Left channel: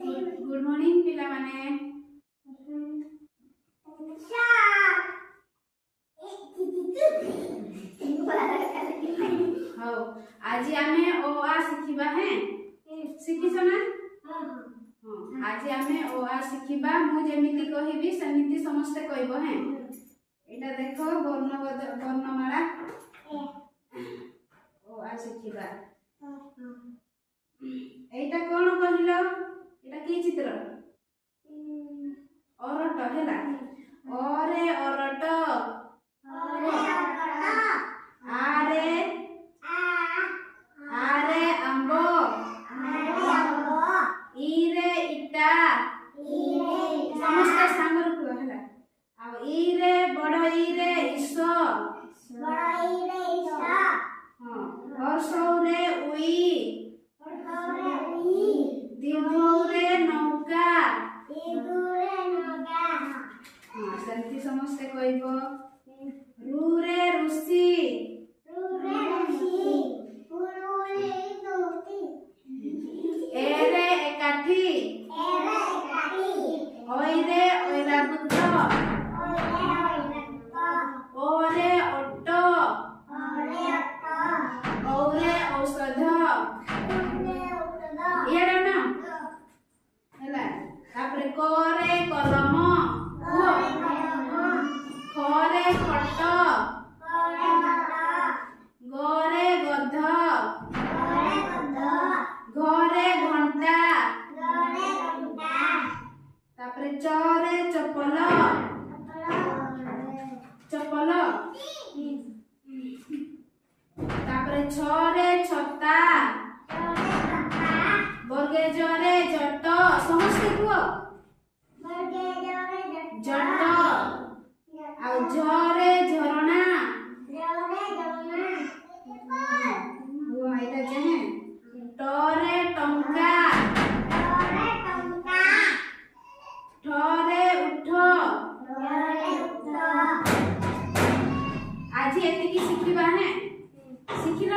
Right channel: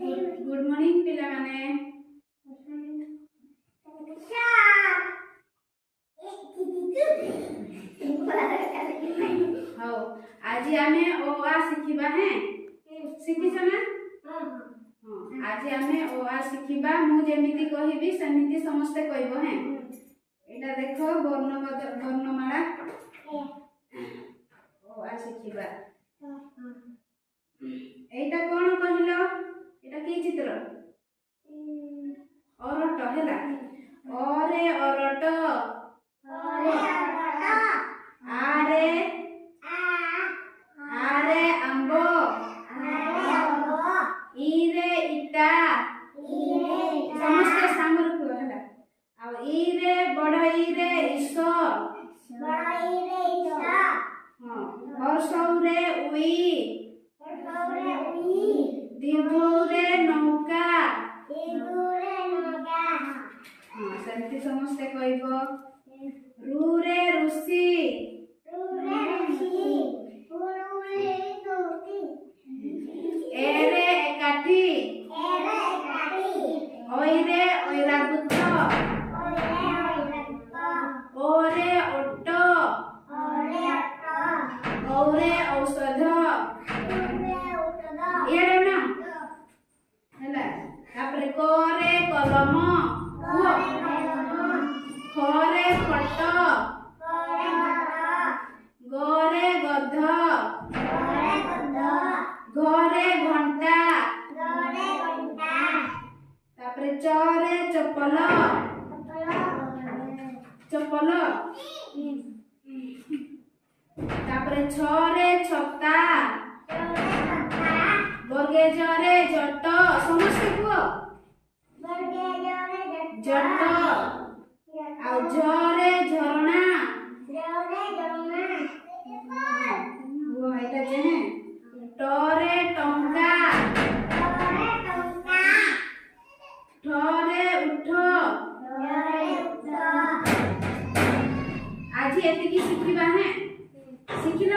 Good morning पिला माने। हाँ आज आमे ओ आ शिखिबा हैं शिखिछ ना। हाँ आज आमे ओ आ शिखिबा मु जेमिति कहिबी सेमिति समस्त कहबो हैं। एटा देखो वर्णमाला ओ आ शिखिबा। एटा कोन कहिलो एटा की चित्र अरट हैला ओरे अरट आरे आरे आंबो इरे इटा समस्त सांगर को हैला आ इरे बड़ इरे ईश्वर हां हर्षौरे उई दीर्घौरे नौका सेमती समस्ते कहबो रूरे ऋषि एरे एकाठी ओइरे ओइराबुत ओरे ओट औरे औषध एड़ा ना हैला तापरे कोरे कलम खरे खट गोरे गध घरे घंटा तापरे चरे चपल चपल तापरे छरे छता वर्गे जरे जट समस्त को जट आ झरे झरना वो आइता जे टरे टंका ठरे उठ आज एतिकी शिखिबा है शिखिला